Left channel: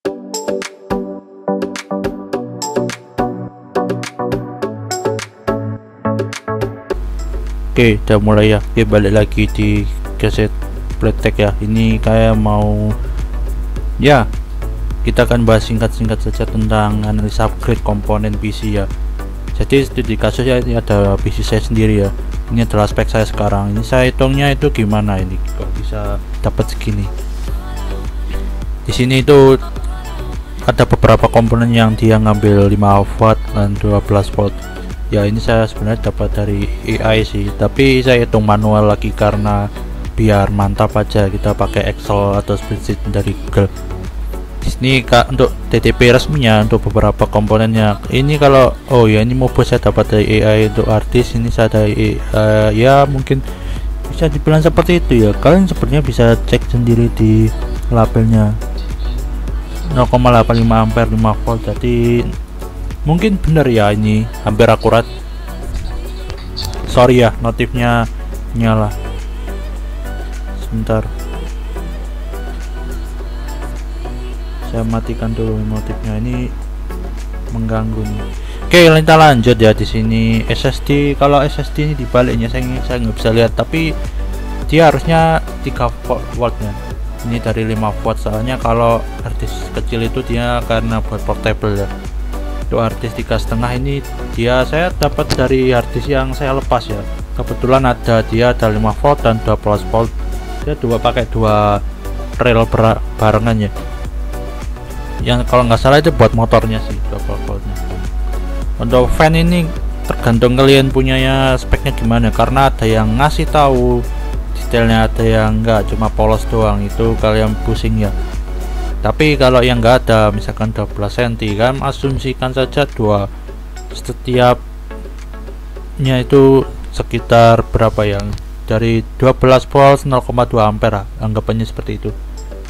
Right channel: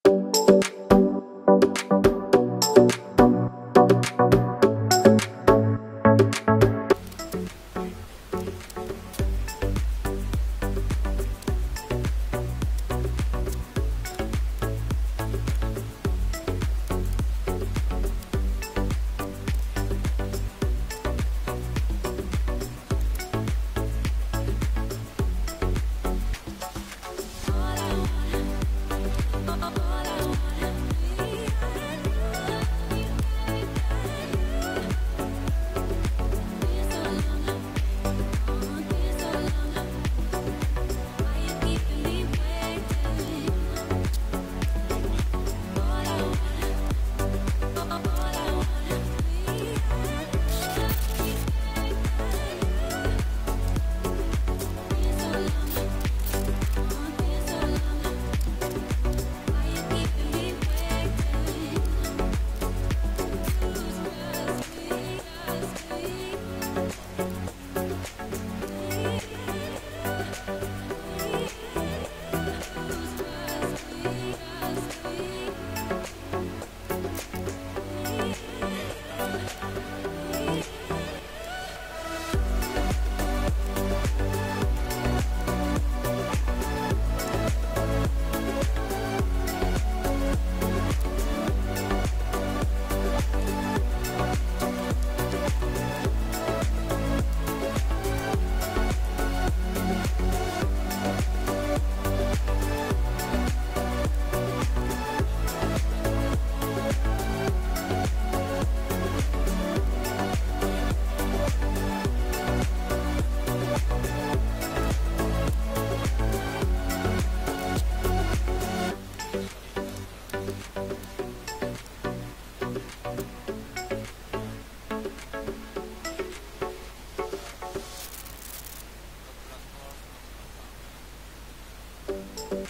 Oke, udah mulai ya. Oke, balik lagi di Keset Playtech ya. Ini kayak mau ya, kita akan bahas singkat-singkat saja tentang analisa upgrade komponen PC ya. Jadi di kasusnya ini ada PC saya sendiri ya. Ini adalah spek saya sekarang. Ini saya hitungnya itu gimana ini kok bisa dapat segini. Di sini itu ada beberapa komponen yang dia ngambil 5 watt dan 12 volt. Ya, ini saya sebenarnya dapat dari AI sih, tapi saya hitung manual lagi karena biar mantap aja. Kita pakai Excel atau spreadsheet dari Google. Di sini kak untuk TTP resminya untuk beberapa komponennya. Ini kalau ini mobile saya dapat dari AI. Untuk artis ini saya dari ya mungkin bisa dibilang seperti itu ya. Kalian sebenarnya bisa cek sendiri di labelnya 0,85 ampere 5 volt, jadi mungkin benar ya, ini hampir akurat. Sorry ya, notifnya nyala sebentar, saya matikan dulu notifnya, ini mengganggu nih. Oke, kita lanjut ya. Di sini SSD, kalau SSD ini dibaliknya saya nggak bisa lihat, tapi dia harusnya 3 voltnya. Ini dari 5 watt, soalnya kalau harddisk kecil itu dia karena buat portable ya. Untuk harddisk 3,5 ini saya dapat dari harddisk yang saya lepas ya. Kebetulan dia ada 5 volt dan 12 volt. Dia pakai dua rel barengan ya. Yang kalau nggak salah itu buat motornya sih 12 voltnya. Untuk fan ini tergantung kalian punyanya speknya gimana, karena ada yang ngasih tahu detailnya, ada yang enggak, cuma polos doang. Itu kalian pusing ya. Tapi kalau yang enggak ada, misalkan 12 cm, kan asumsikan saja setiapnya itu sekitar berapa yang dari 12 volt 0,2 ampere, anggapannya seperti itu,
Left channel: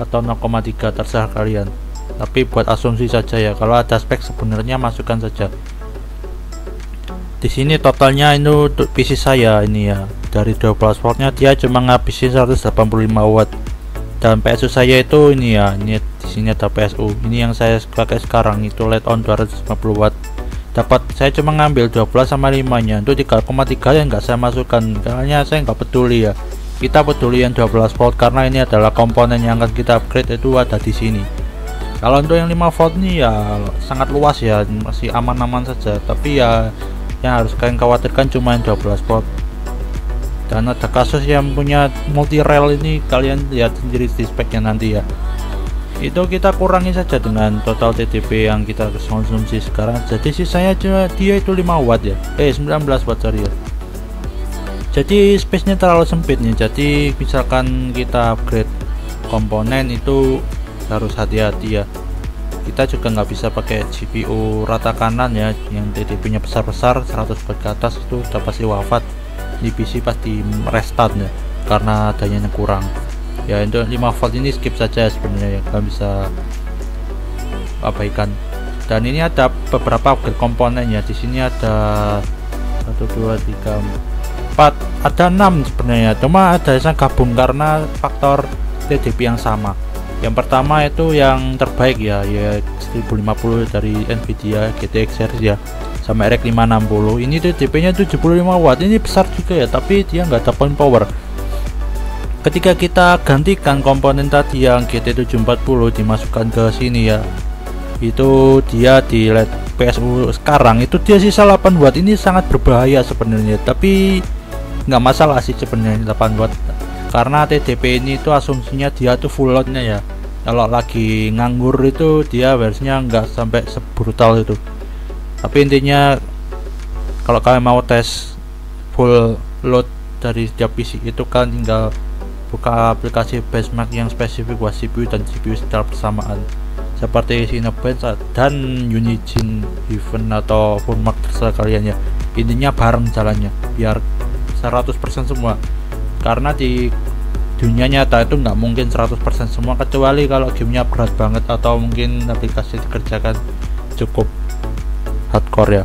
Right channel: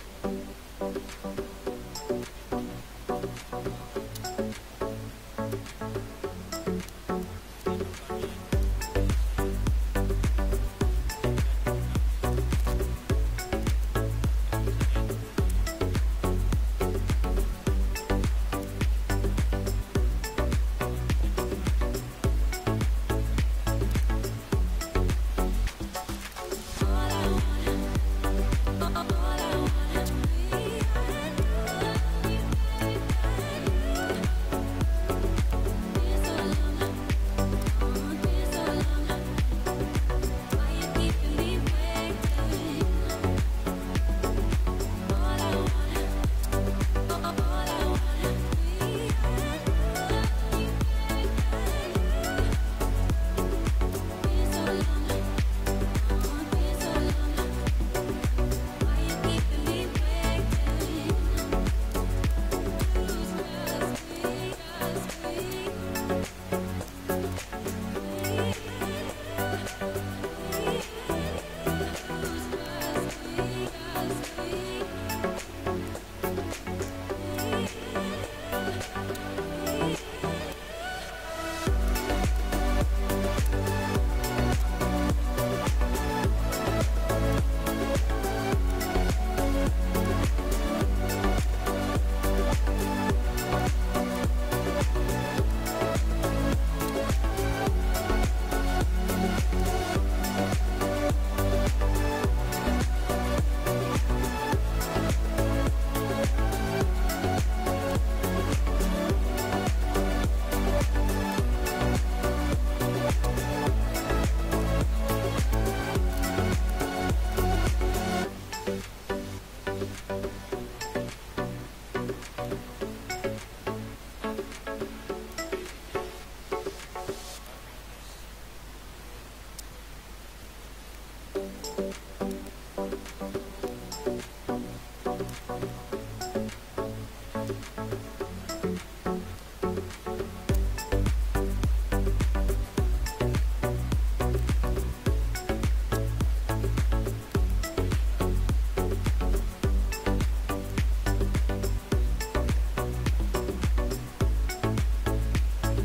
atau 0,3, terserah kalian. Tapi buat asumsi saja ya, kalau ada spek sebenarnya masukkan saja. Di sini totalnya itu untuk PC saya ini ya, dari 12 voltnya dia cuma ngabisin 185 watt. Dan PSU saya itu ini ya, ini di sini ada PSU. Ini yang saya pakai sekarang itu LED on 250 watt. Saya cuma ngambil 12 sama 5 nya. Untuk 3,3 yang enggak saya masukkan karena saya nggak peduli ya. Kita peduli yang 12 volt karena ini adalah komponen yang akan kita upgrade, itu ada di sini. Kalau untuk yang 5 volt ini ya sangat luas ya, masih aman-aman saja. Tapi ya yang harus kalian khawatirkan cuma yang 12 volt. Dan ada kasus yang punya multi rail ini, kalian lihat sendiri di speknya nanti ya. Itu kita kurangi saja dengan total TDP yang kita harus konsumsi sekarang. Jadi sisanya dia itu 5 watt ya, 19 watt sorry ya. Jadi space nya terlalu sempit nih, jadi misalkan kita upgrade komponen itu harus hati-hati ya. Kita juga nggak bisa pakai GPU rata kanan ya, yang TDP nya besar-besar 100 watt ke atas, itu udah pasti wafat. Di PC pasti restart ya, karena dayanya kurang ya. Untuk 5 volt ini skip saja sebenarnya ya, kalian bisa abaikan. Dan ini ada beberapa upgrade komponennya. Di sini ada 1 2 3 4, ada 6 sebenarnya, cuma ada yang gabung karena faktor TDP yang sama. Yang pertama itu yang terbaik ya 1050 dari Nvidia GTX series ya, sama RX 560. Ini TDP nya 75 watt, ini besar juga ya, tapi dia nggak ada point power. Ketika kita gantikan komponen tadi yang GT740 dimasukkan ke sini ya, itu dia di LED PSU sekarang itu dia sisa 8 watt. Ini sangat berbahaya sebenarnya, tapi nggak masalah sih sebenarnya 8 watt, karena TDP ini itu asumsinya dia tuh full loadnya ya. Kalau lagi nganggur itu dia versinya nggak sampai sebrutal itu. Tapi intinya kalau kalian mau tes full load dari setiap PC itu kan tinggal buka aplikasi benchmark yang spesifik buat CPU dan CPU secara bersamaan, seperti Cinebench dan Unigine Even atau Fullmark, terserah kalian ya. Intinya bareng jalannya biar 100% semua, karena di dunia nyata itu nggak mungkin 100% semua, kecuali kalau gamenya berat banget atau mungkin aplikasi dikerjakan cukup hardcore ya.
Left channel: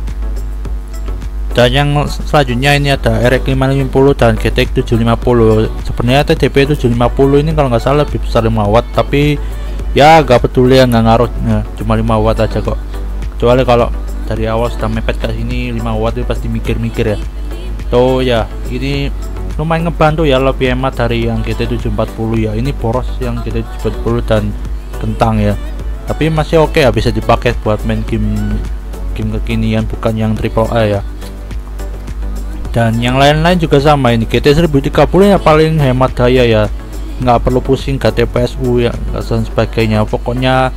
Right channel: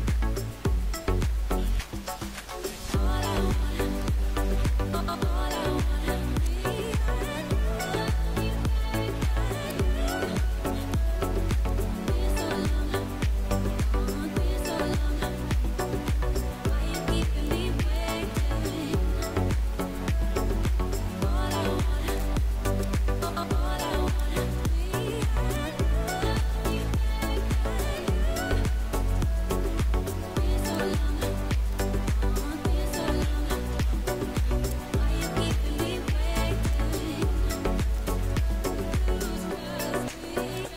Dan yang selanjutnya ini ada RX 550 dan GTX 750. Sebenarnya TDP 750 ini kalau nggak salah lebih besar 5 watt, tapi ya gak peduli ya, nggak ngaruh ya, cuma 5 watt aja kok. Kecuali kalau dari awal sudah mepet ke sini 5 watt itu pasti mikir-mikir ya. Tuh ya, ini lumayan ngebantu ya, lebih hemat dari yang GT740 ya. Ini boros yang GT740 dan kentang ya, tapi masih oke ya, bisa dipakai buat main game kekinian, bukan yang triple A ya. Dan yang lain-lain juga sama, ini GT1030 ya paling hemat daya ya, nggak perlu pusing ganti PSU ya dan sebagainya. Pokoknya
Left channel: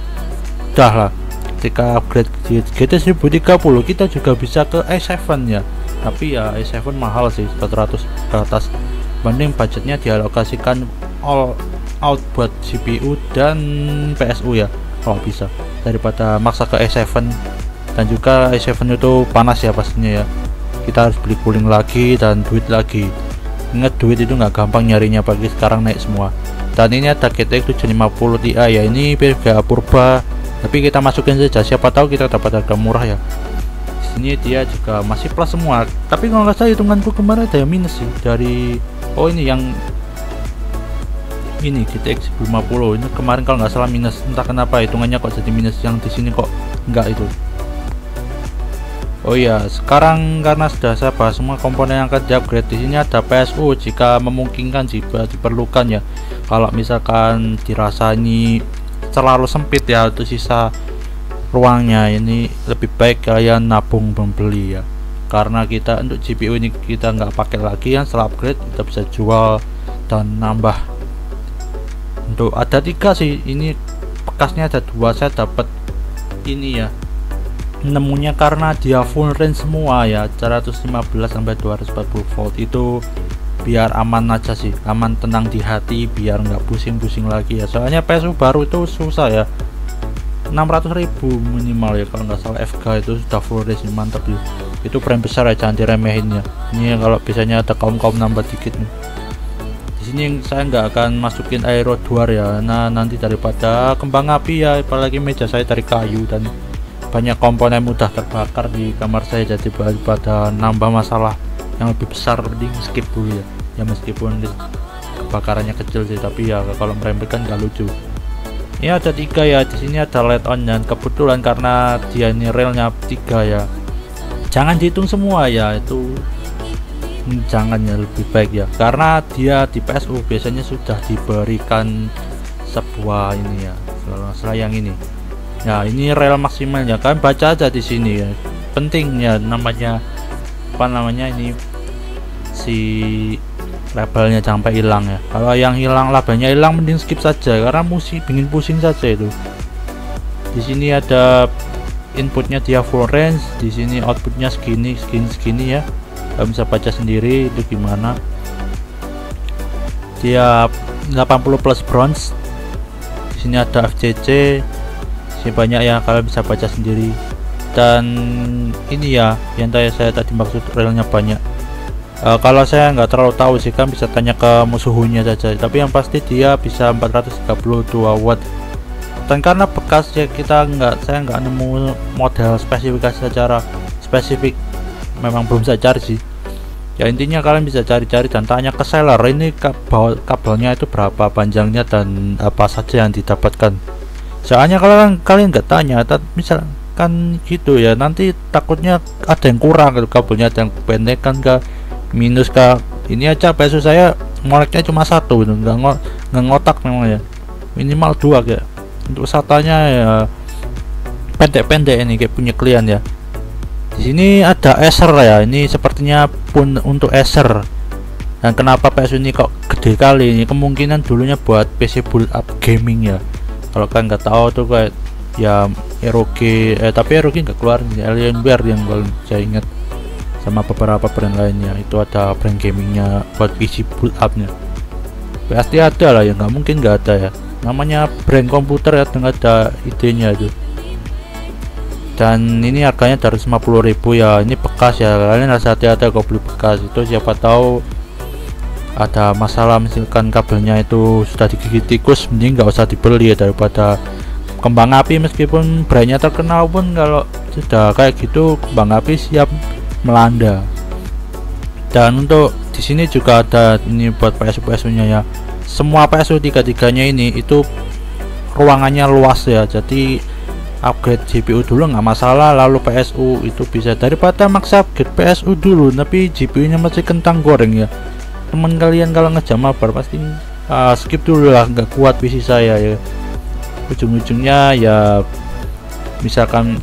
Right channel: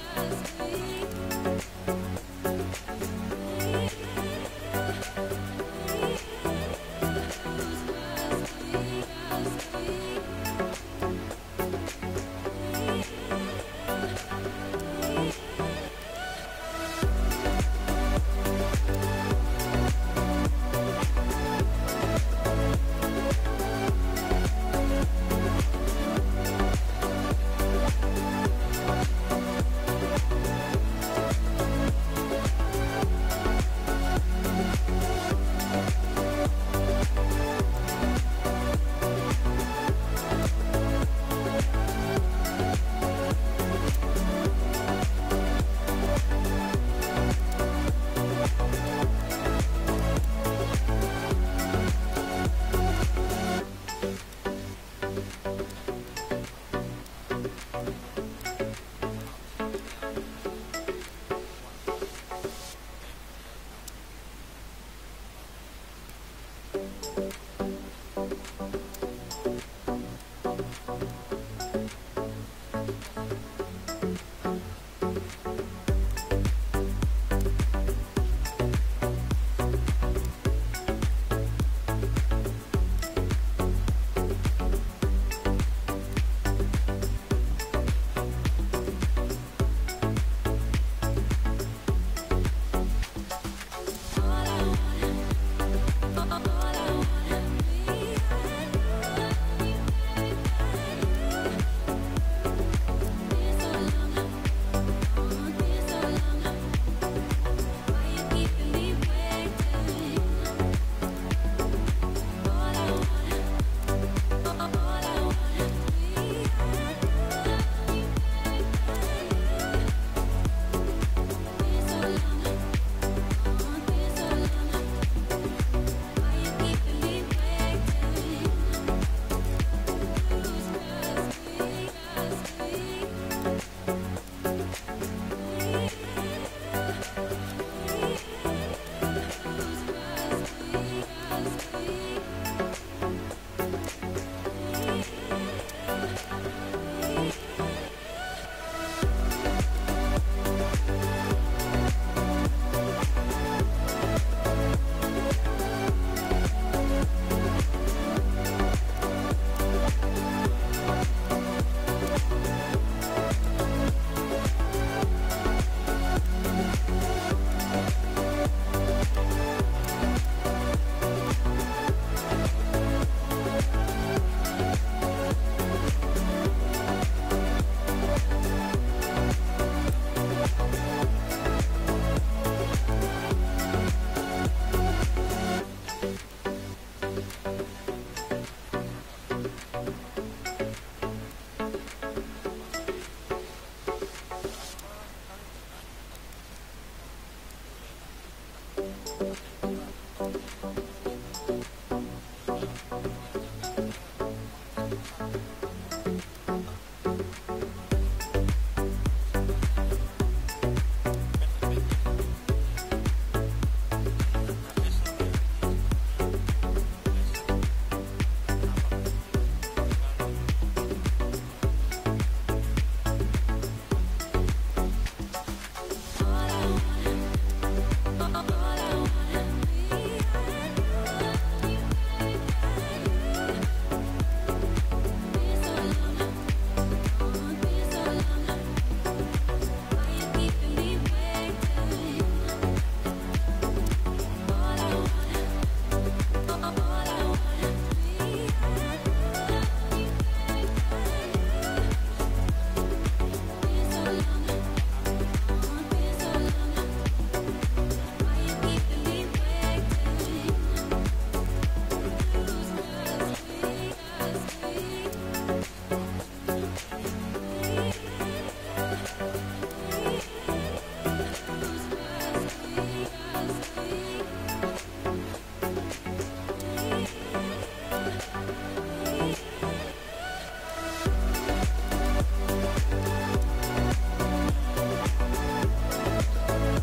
udah lah, ketika upgrade GT1030 kita juga bisa ke i7 ya, tapi ya i7 mahal sih, 400 ke atas. Banding budgetnya dialokasikan all out buat CPU dan PSU ya kalau bisa, daripada maksa ke i7. Dan juga i7 itu panas ya pastinya ya, kita harus beli cooling lagi dan duit lagi. Ingat, duit itu nggak gampang nyarinya, pagi sekarang naik semua. Dan ini ada GTX 750 Ti ya, ini beda purba, tapi kita masukin saja, siapa tahu kita dapat harga murah ya. Di sini dia juga masih plus semua, tapi kalau nggak salah hitunganku kemarin ada yang minus sih dari, oh ini yang ini GTX 50 ini kemarin kalau nggak salah minus, entah kenapa hitungannya kok jadi minus, yang di sini kok enggak itu. Oh iya, sekarang karena sudah saya bahas semua komponen yang akan di-upgrade, di sini ada PSU jika memungkinkan, jika diperlukan ya. Kalau misalkan dirasa ini terlalu sempit ya, itu sisa ruangnya, ini lebih baik kalian nabung membeli ya. Karena kita untuk GPU ini kita nggak pakai lagi ya, setelah upgrade kita bisa jual dan nambah. Untuk ada 3 sih, ini bekasnya ada 2, saya dapat ini ya, nemunya karena dia full range semua ya, 115 sampai 240 volt, itu biar aman aja sih, aman tenang di hati, biar nggak pusing-pusing lagi ya. Soalnya PSU baru itu susah ya, 600.000 minimal ya kalau nggak salah. FK itu sudah full range, mantap ya. Itu brand besar ya, jangan diremehin ya. Ini kalau biasanya ada kaum nambah dikit nih. Di sini saya nggak akan masukin aero duar ya, nah nanti daripada kembang api ya, apalagi meja saya dari kayu dan banyak komponen mudah terbakar di kamar saya, jadi daripada nambah masalah yang lebih besar di skip dulu ya. Ya meskipun kebakarannya kecil sih, tapi ya kalau meremehkan nggak lucu. Ini ada 3 ya, di sini ada LED on, dan kebetulan karena dia ini relnya 3 ya, jangan dihitung semua ya, itu jangan ya, lebih baik ya, karena dia di PSU biasanya sudah diberikan sebuah ini ya, sayang ini ya, ini rel maksimalnya kan baca aja di sini ya, pentingnya namanya apa namanya ini si labelnya jangan sampai hilang ya. Kalau yang hilang, labelnya hilang, mending skip saja karena bikin pusing saja itu. Di sini ada inputnya dia full range, di sini outputnya segini ya, kalian bisa baca sendiri itu gimana. Dia 80 plus bronze, di sini ada FCC banyak ya, kalian bisa baca sendiri. Dan ini ya yang saya tadi maksud relnya banyak. Kalau saya nggak terlalu tahu sih, kan bisa tanya ke musuhnya saja, tapi yang pasti dia bisa 432 watt. Dan karena bekas ya, saya nggak nemu model spesifikasi secara spesifik, memang belum saya cari sih ya. Intinya kalian bisa cari-cari dan tanya ke seller ini kabelnya itu berapa panjangnya dan apa saja yang didapatkan. Soalnya kalau kalian nggak tanya, misalkan gitu ya, nanti takutnya ada yang kurang gitu, kabelnya ada yang pendek kan, ke minus ke ini aja. PSU saya moleknya cuma 1 gitu, nggak ngotak memang ya, minimal 2 kayak. Untuk SATA-nya ya pendek-pendek ini kayak punya klien ya. Di sini ada Acer ya, ini sepertinya pun untuk Acer. Dan kenapa PSU ini kok gede kali ini, kemungkinan dulunya buat PC build up gaming ya. Kalau kalian nggak tahu tuh kayak ya ROG, tapi ROG nggak keluar, Alienware yang saya ingat, sama beberapa brand lainnya itu ada brand gamingnya buat PC build upnya. Pasti ada lah ya, nggak mungkin nggak ada ya, namanya brand komputer ya, nggak ada idenya aja. Dan ini harganya 150.000 ya, ini bekas ya, kalian harus hati-hati kalau beli bekas itu, siapa tahu ada masalah, misalkan kabelnya itu sudah digigit tikus, mending nggak usah dibeli ya, daripada kembang api meskipun brandnya terkenal pun kalau sudah kayak gitu kembang api siap melanda. Dan untuk di sini juga ada ini buat PSU nya ya, semua PSU 3-3-nya ini itu ruangannya luas ya, jadi upgrade GPU dulu nggak masalah, lalu PSU itu bisa, daripada maksa upgrade PSU dulu tapi GPU nya masih kentang goreng ya. Teman kalian kalau ngejam mabar pasti skip dulu lah, nggak kuat PC saya ya, ujung-ujungnya ya misalkan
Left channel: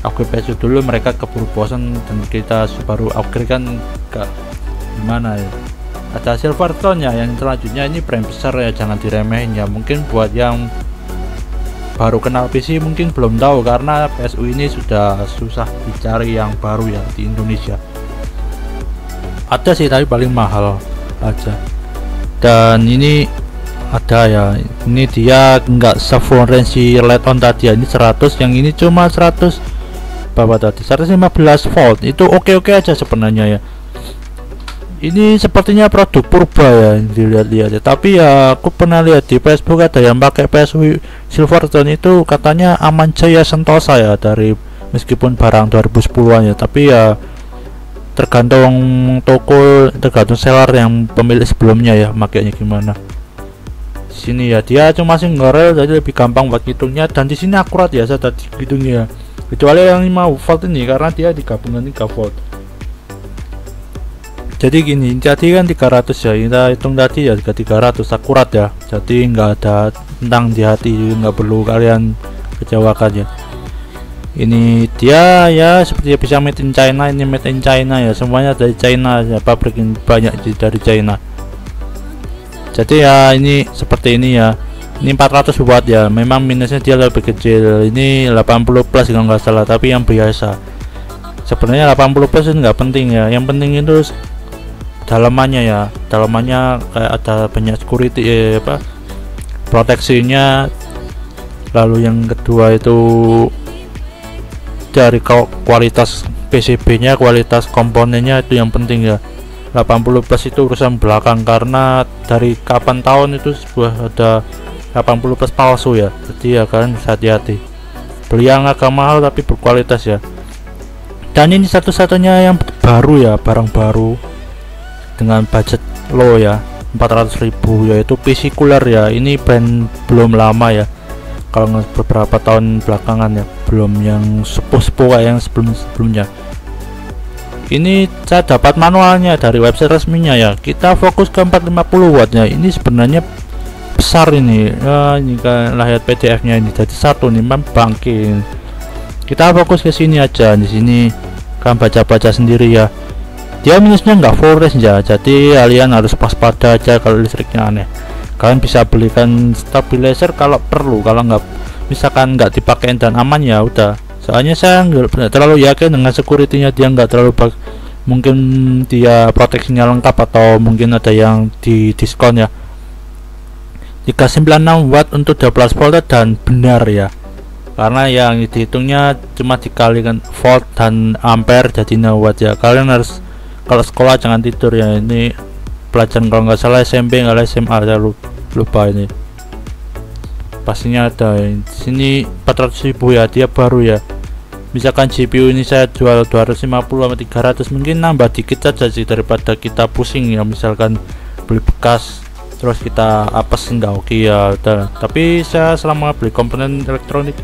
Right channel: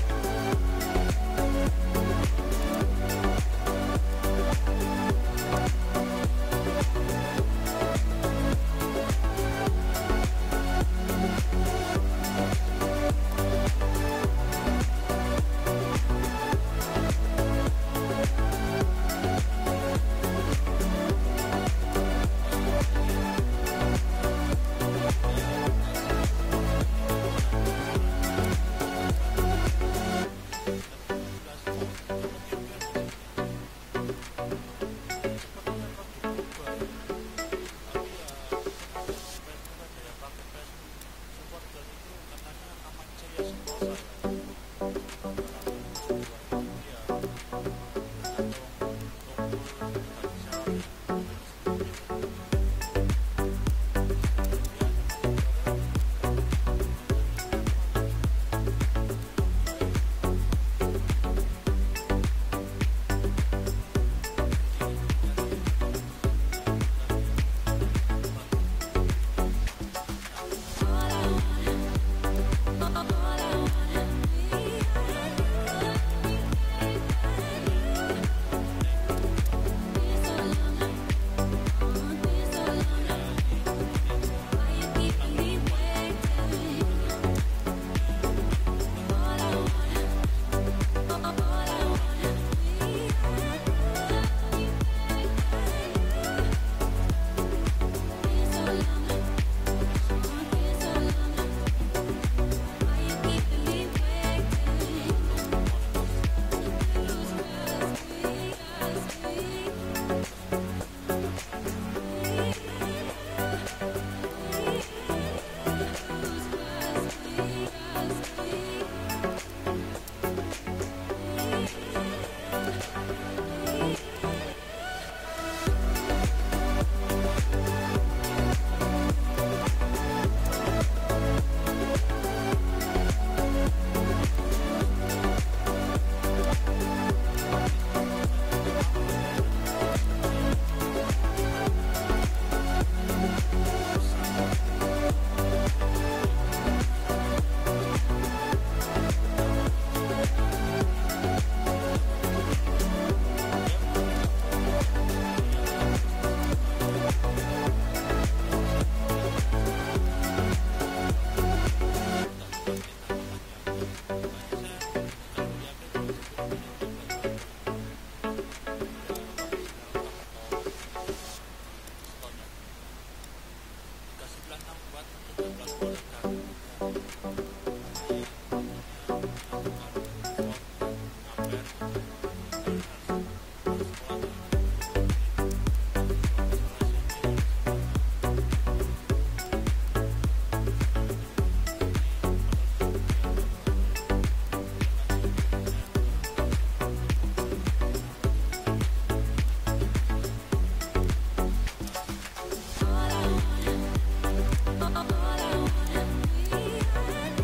upgrade PSU dulu mereka keburu bosan dan kita baru upgrade kan gak gimana ya. Ada Silverstone ya yang selanjutnya, ini brand besar ya, jangan diremehin ya. Mungkin buat yang baru kenal PC mungkin belum tahu, karena PSU ini sudah susah dicari yang baru ya di Indonesia. Ada sih tapi paling mahal aja. Dan ini ada ya, ini dia nggak se-full range si LED on tadi ya, ini 100, yang ini cuma 100 berapa tadi, 115 volt. Itu oke-oke aja sebenarnya ya. Ini sepertinya produk purba ya dilihat-lihat ya. Tapi ya aku pernah lihat di Facebook ada yang pakai PSU Silverstone itu katanya aman jaya sentosa ya, dari meskipun barang 2010-an ya, tapi ya tergantung toko, tergantung seller yang pemilik sebelumnya ya makanya gimana. Di sini ya dia cuma single rail jadi lebih gampang buat hitungnya, dan di sini akurat ya saya tadi hitungnya, kecuali yang 5 volt ini karena dia digabungkan 3 volt. Jadi gini, jadi kan 300 ya, kita hitung tadi ya juga 300 akurat ya, jadi nggak ada tentang di hati, nggak perlu kalian kecewakan ya. Ini dia ya seperti bisa made in China, ini made in China ya, semuanya dari China ya, pabrik banyak dari China. Jadi ya ini seperti ini ya, ini 400 watt ya, memang minusnya dia lebih kecil, ini 80 plus kalau nggak salah, tapi yang biasa sebenarnya 80 plus itu nggak penting ya, yang penting itu dalamannya ya, dalamannya kayak ada banyak security proteksinya. Lalu yang kedua itu dari kualitas PCB nya, kualitas komponennya itu yang penting ya. 80 plus itu urusan belakang, karena dari kapan tahun itu sebuah ada 80 plus palsu ya, jadi ya kalian bisa hati-hati beli yang agak mahal tapi berkualitas ya. Dan ini satu-satunya yang baru ya, barang baru dengan budget low ya, 400.000, yaitu PC cooler ya. Ini brand belum lama ya, kalau beberapa tahun belakangan ya, belum yang sepuh-sepuh kayak yang sebelumnya. Ini saya dapat manualnya dari website resminya ya. Kita fokus ke 450 watt nya, ini sebenarnya besar ini ya, ini kan lihat PDF nya ini jadi satu nih bangkin. Kita fokus ke sini aja, di sini kan baca-baca sendiri ya. Dia minusnya nggak full range ya, jadi kalian harus waspada aja kalau listriknya aneh. Kalian bisa belikan stabilizer kalau perlu, kalau nggak misalkan nggak dipakai dan aman ya udah. Soalnya saya nggak terlalu yakin dengan security-nya, dia nggak terlalu mungkin dia proteksinya lengkap atau mungkin ada yang di diskon ya. 396 watt untuk 12 volt dan benar ya, karena yang dihitungnya cuma dikalikan volt dan ampere jadi 6 watt ya. Kalian harus kalau sekolah jangan tidur ya, ini pelajaran kalau nggak salah SMP nggak SMA, saya lupa ini pastinya ada. Di sini 400.000 ya, dia baru ya. Misalkan GPU ini saya jual 250 sama 300, mungkin nambah dikit saja sih daripada kita pusing ya, misalkan beli bekas terus kita apes nggak oke ya. Tapi saya selama beli komponen elektronik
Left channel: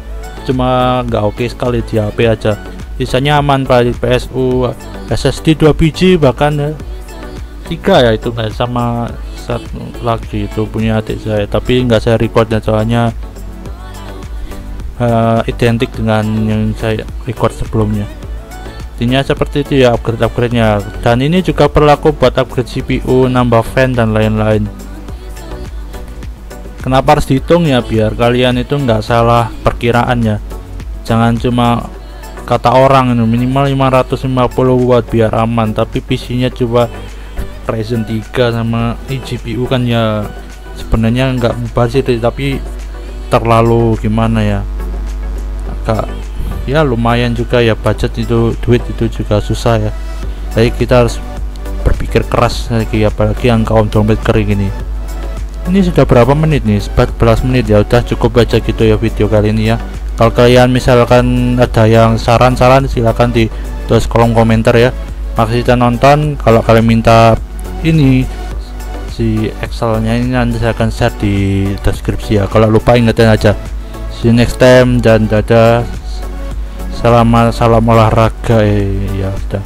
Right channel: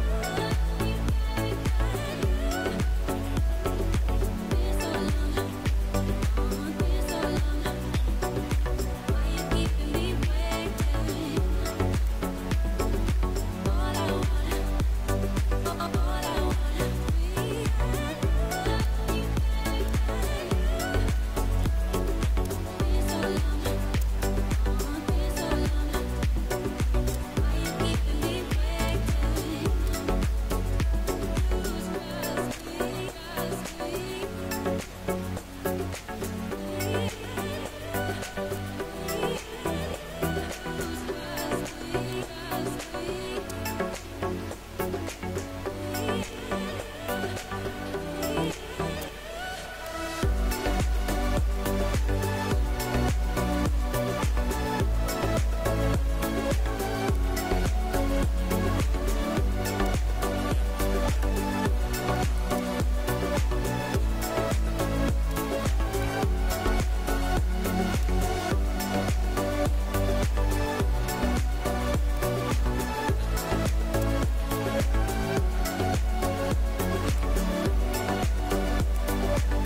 cuma nggak oke sekali di HP aja, sisanya aman Pak. PSU SSD 2 biji bahkan 3 ya, itu nggak sama satu lagi itu punya adik saya, tapi nggak saya record ya, soalnya identik dengan yang saya record sebelumnya. Intinya seperti itu ya upgrade nya. Dan ini juga berlaku buat upgrade CPU, nambah fan dan lain-lain. Kenapa harus dihitung ya, biar kalian itu nggak salah perkiraan ya, jangan cuma kata orang ini minimal 550 watt biar aman, tapi PC nya coba Ryzen 3 sama GPU kan ya sebenarnya nggak mubazir tapi terlalu gimana ya, agak ya lumayan juga ya, budget itu, duit itu juga susah ya, jadi kita harus berpikir keras lagi, apalagi yang kaum dompet kering ini. Ini sudah berapa menit nih, 14 menit ya, udah cukup baca gitu ya video kali ini ya. Kalau kalian misalkan ada yang saran-saran silahkan di tulis kolom komentar ya. Makasih sudah nonton. Kalau kalian minta ini versi Excelnya ini nanti saya akan share di deskripsi ya. Kalau lupa ingetin aja. See you next time dan dadah. Salam olahraga ya udah.